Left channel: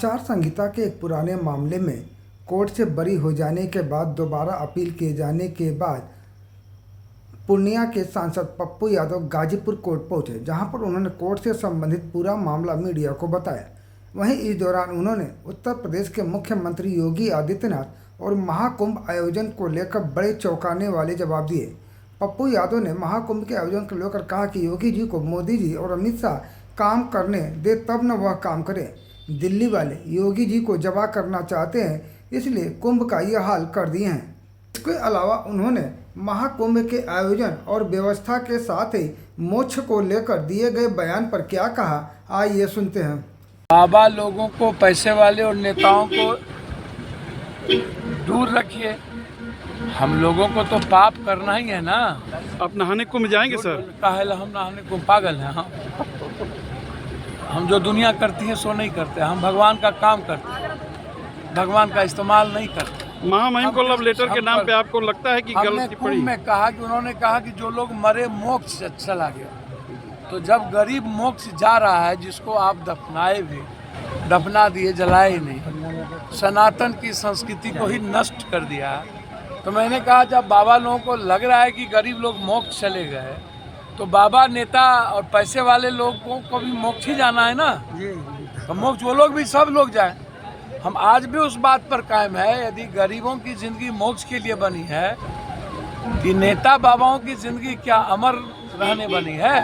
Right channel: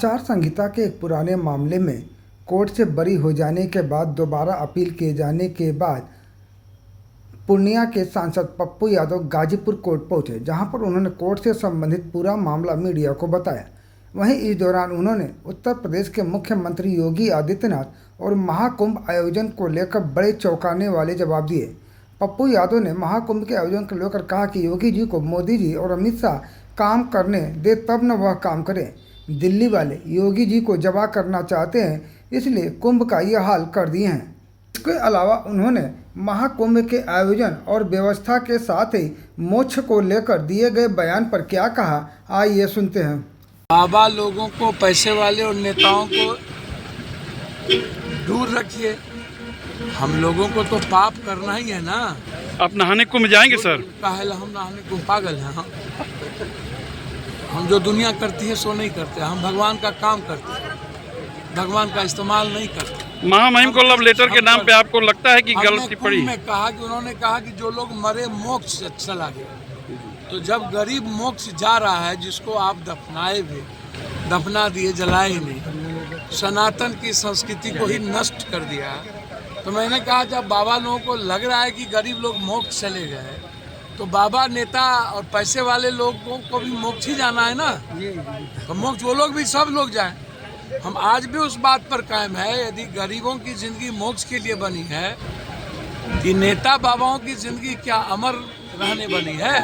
आचार संहिता के एक पुराने मामले में कोर्ट से बरी हो जाने के बाद दोबारा अपील किए जाने के बाद पूर्णिया के सांसद पप्पू यादव गाजीपुर कोर्ट पहुंचे, जहां पर उन्होंने कोर्ट से संबंधित पूरा मामला मीडिया को बताया। वहीं इस दौरान उन्होंने उत्तर प्रदेश के मुख्यमंत्री योगी आदित्यनाथ और महाकुंभ आयोजन को लेकर बड़े चौंकाने वाले जवाब दिए। पप्पू यादव ने महाकुंभ के आयोजन को लेकर कहा कि योगी जी को मोदी जी और अमित शाह काम करने दे तब न वह काम करें। दिल्ली वाले योगी जी को जवा करना चाहते हैं, इसलिए कुंभ का यह हाल कर दिए हैं। इसके अलावा उन्होंने महाकुंभ के आयोजन और व्यवस्था के साथ ही मोक्ष को लेकर दिए गए बयान पर क्या कहा, आइए सुनते हैं। बाबा लोगों को, पैसे वाले और नेताओं को दूर रखिए। हम लोगों को तो पाप करना ही है ना। आप नहाने कुंभ जाएंगे सर? काहे हम नहाने कुंभ? पागल हैं हम जो दुनिया करती है सो नहीं करते। हम भगवान का काम करते हैं, भगवान का इस्तेमाल नहीं करते। महामहिम को लव लेटर के नाम पे आपको लगता है कि गलती पड़ी? मैं कहा कि उन्होंने कहा कि जो लोग मरे मोक्ष से चला गया। तो जब गरीब मोक्ष जा रहा है, जिसको आप दफनाए भी, दफना दिए, जलाए नहीं, सनातन की संस्कृति को ही नष्ट कर दिया। तो मैंने कहा जब बाबा लोगों को लग रहा है कि गरीब लोग मोक्ष चले गए, तो बाबा, नेता और पैसे वाले लोगों को भी मोक्ष ही जाना है ना। तो मोक्ष वो लोग भी, सब लोग जाए। हम आज भी उस बात पर कायम है, यदि गरीबों की जिंदगी मोक्ष के लिए बनी है कि नेता बाबाओं की जिंदगी क्या अमर रहने बनी है?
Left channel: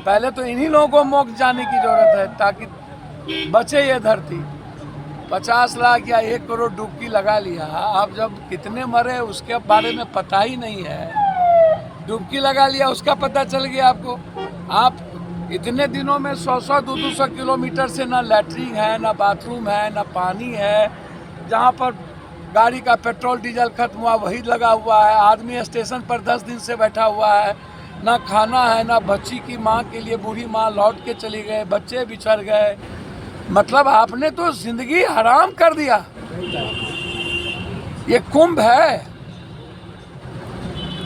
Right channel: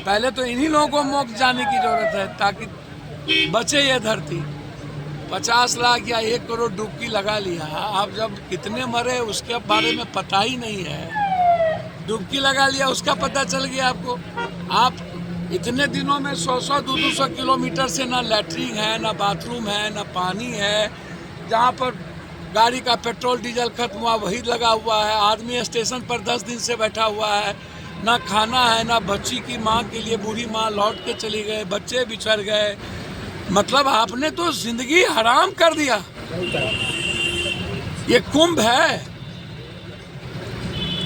पहले तो इन्हीं लोगों को मोक्ष जाने की जरूरत है ताकि बचे ये धरती। 50 लाख या 1 करोड़ डुबकी लगा लिया, आप जब कितने मरे उसके बारे में पता ही नहीं है। डुबकी लगा लिया, उसका पता चल गया आपको। आप इतने दिनों में 100-100, 200 किलोमीटर से ना लैट्रिन है, ना बाथरूम है, ना पानी है। जहाँ पर गाड़ी का पेट्रोल डीजल खत्म हुआ वही लगा हुआ है। आदमी स्टेशन पर 10 दिन से बैठा हुआ है। ना खाना है, ना बच्ची की माँ के लिए, बूढ़ी माँ लौट के चली गए, बच्चे बिछड़ गए। मतलब आपने तो जिंदगी हराम कर दिया। ये कुंभ है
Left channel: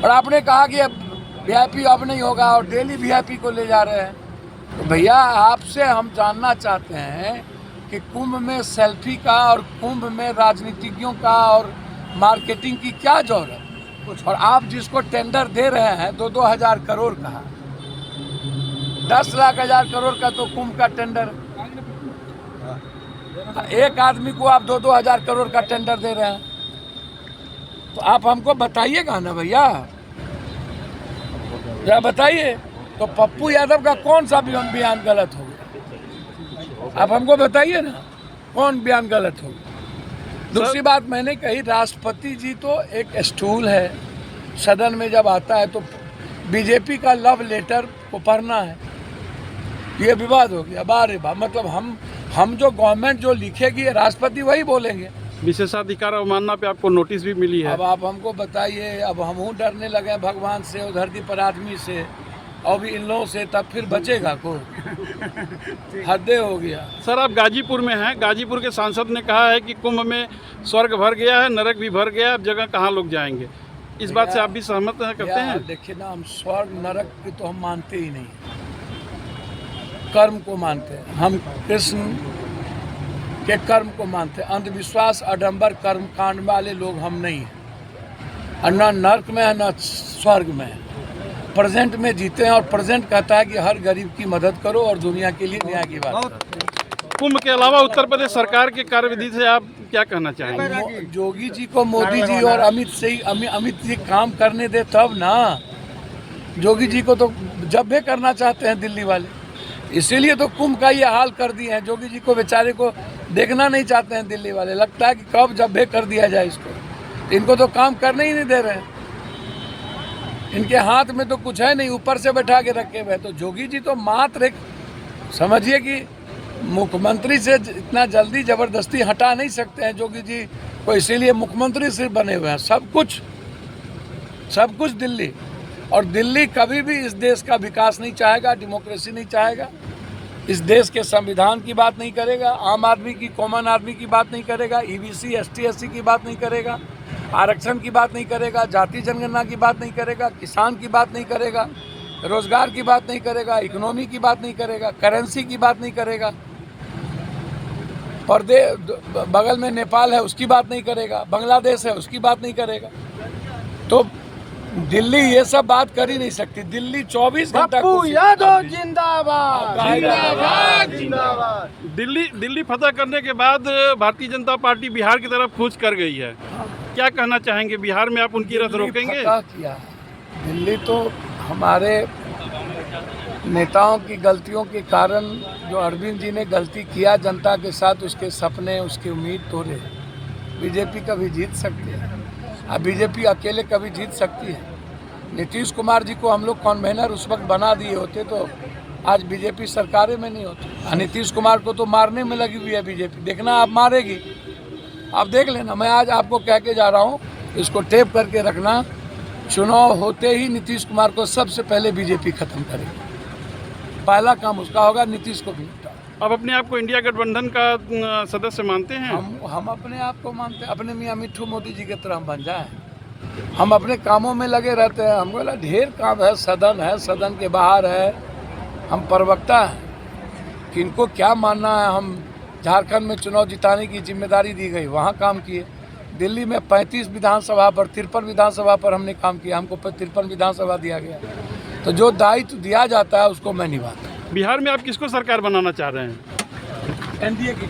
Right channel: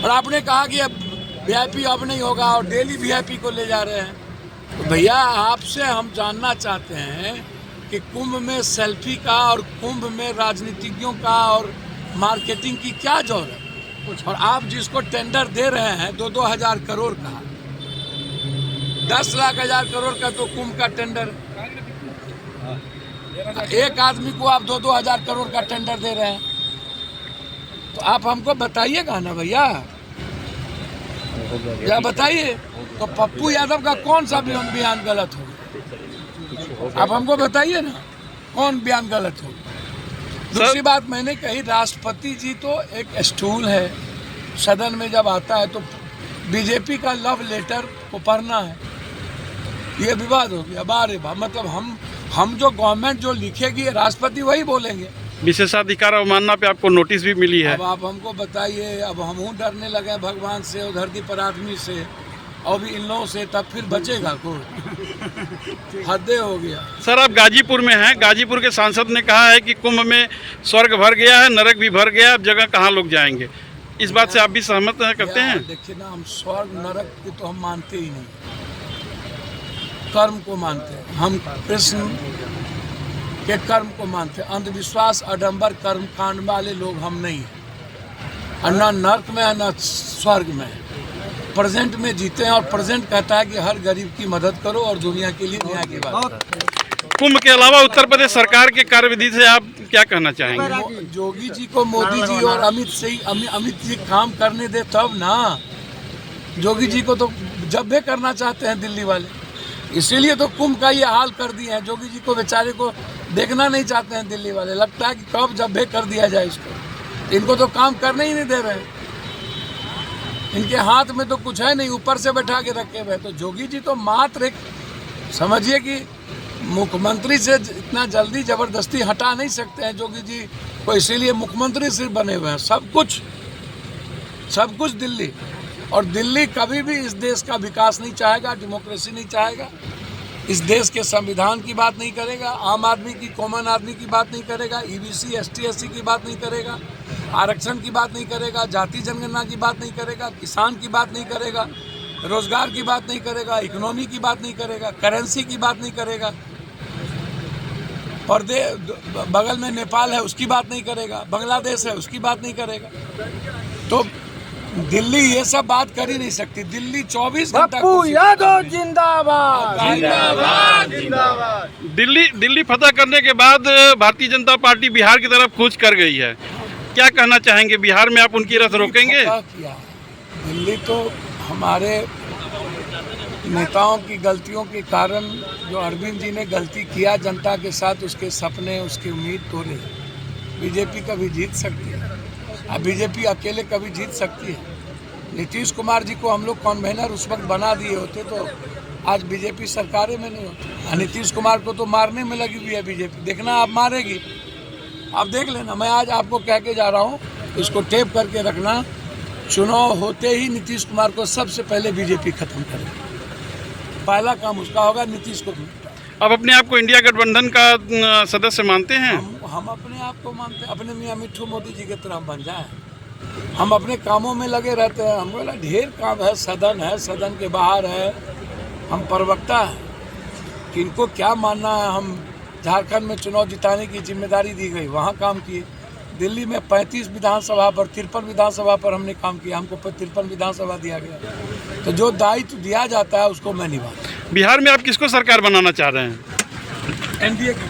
और आपने कहा कि अब वीआईपी अब नहीं होगा और डेली वीआईपी को ले जा रहे हैं। तो भैया आपसे हम जानना चाहते हैं कि कुंभ में सेल्फी का और कुंभ में राजनीतिज्ञों का और मार्केटिंग की क्या जरूरत है? और आप जिसको टेंडर दे रहे हैं 2-2 हजार करोड़ का, 10 लाख हजार करोड़ का तो कुंभ का टेंडर, एक आदमी को आप 2-2 हजार करोड़ का टेंडर दे रहे हैं। तो आप हमको बताइएगा ना भैया, या बताइए तो पप्पू यादव का कौन सा बयान गलत हो गया? आप हमको बताइए ना कौन बयान गलत हो गया। दूसरी बात मैंने कही, राष्ट्रपति जी तो एक स्टूल है, सदन में जब आता है तो बीजेपी का लव लेटर को पढ़ना है, ये विवाद हो गया। बारे बा, मतलब हम जो गवर्नमेंट जो लिखेगी राष्ट्रपति वही बोलेंगे। विशेषाधिकार अवमानना पे आपको नोटिस भी मिली है। अब आप हमको बताइए, अब हम डरने लगे भगवान से और धरती पर आदमी से और भी इन लोगों से, तब फिर बचेगा कोई? हद हो गया। सर आप गाजीपुर में हैं, गाजीपुर के सांसद ने कहा है कि कुंभ में स्वर्ग भर गया है, नरक भी भर गया है, अब जगह कहाँ लोग जाएंगे? इस बात से आप भी सहमत करते हैं? देखिए ना, हम स्वर्ग नरक की तो हम मानते ही नहीं, कर्म को मानते हैं। हम कृष्ण के कर्म को मानते हैं। अंधविश्वास, आडंबर, कर्म कांड वाले लोग हम नहीं हैं। और न नरक में है न स्वर्ग में है। प्रेजेंट में जीते हैं और प्रेजेंट कहता है कि हर गरीब की मदद करो और दुनिया के लिए न्याय की बात करो। कुंभ के अलावा उत्तर प्रदेश सरकार के कार्यविधि से आप क्या कहना चाहेंगे? योगी जी को मोदी जी और अमित जी काम करने दे तब ना। योगी जी को तो जब भी करना चाहते हैं दिल्ली वाले, इसीलिए तो कुंभ का ये हाल कर दिए हैं। योगी जी को बेचारे को देखना नहीं चाहते हैं दिल्ली वाले। लगता है कि कब जब भी कर दिया जाए इसको। इनको तो काम करने ही नहीं दे रहे हैं। इनके हाथ में तो कुछ है नहीं, ऊपर से बैठा के रखे हुए। तो योगी जी तो मात्र एक, समझिए कि मुख्यमंत्री से इतना जल्दी जबरदस्ती हटा नहीं सकते हैं योगी जी को, इसीलिए मुख्यमंत्री सिर्फ बने हुए हैं। सब कुछ दिल्ली, और दिल्ली कभी भी इस देश का विकास नहीं चाहेगा, डेमोक्रेसी नहीं चाहेगा, इस देश के संविधान की बात नहीं करेगा, आम आदमी की, कॉमन आदमी की बात नहीं करेगा, ईबीसी एसटी एससी की बात नहीं करेगा, आरक्षण की बात नहीं करेगा, जाति जनगणना की बात नहीं करेगा, किसान की बात नहीं करेगा, रोजगार की बात नहीं करेगा, इकोनॉमी की बात नहीं करेगा, करेंसी की बात नहीं करेगा। बगल में नेपाल है उसकी बात नहीं करेगा, बांग्लादेश है उसकी बात नहीं करेगा। तो दिल्ली ये सब बात कर ही नहीं सकती। दिल्ली 24 घंटा दिल्ली फतह करने के बाद भारतीय जनता पार्टी बिहार की तरफ कूच कर गई है। क्या कहना चाहेंगे, बिहार में आप उनकी रथ रोकेंगे? किया दिल्ली तो हमारे नेताओं की गलतियों के कारण, जो अरविंद जी ने गलती किया जनता के साथ, उसके सपने उसकी उम्मीद तोड़े। बीजेपी कभी जीत सकती है, अब बीजेपी अकेले कभी जीत सकती है। नीतीश कुमार जी को हम लोग कन्वेनर उस वक्त बना दिए होते तो आज बीजेपी सरकारें में नहीं होती। नीतीश कुमार को तो मारने में लगी हुई है बीजेपी, देखना आप मारेगी, आप देख लेना। मैं आज आपको कह के जा रहा हूँ, इसको टेप करके रखना, चुनाव होते ही नीतीश कुमार को सबसे पहले बीजेपी खत्म करेगी। पहला काम उसका होगा, नीतीश को भी। आप अपने आप को इंडिया गठबंधन का सदस्य मानते हैं? हम अपने आप को मानते हैं, अपने मियाँ मिट्ठू मोदी जी की तरह हम बन जाएं। हम अपने कामों में लगे रहते हैं, हमको लगा ढेर काम है, सदन के बाहर है, हम प्रवक्ता हैं, किनको क्या मानना है। हम झारखंड में चुनाव जिताने की जिम्मेदारी दी गई, वहाँ काम किए। दिल्ली में 35 विधानसभा पर, 53 विधानसभा पर हमने काम किया, हमको 53 विधानसभा दिया गया। तो जो दायित्व दिया जाता है उसको मैं निभाता हूं। बिहार में आप किसको सरकार बनाना चाह रहे हैं? एनडीए की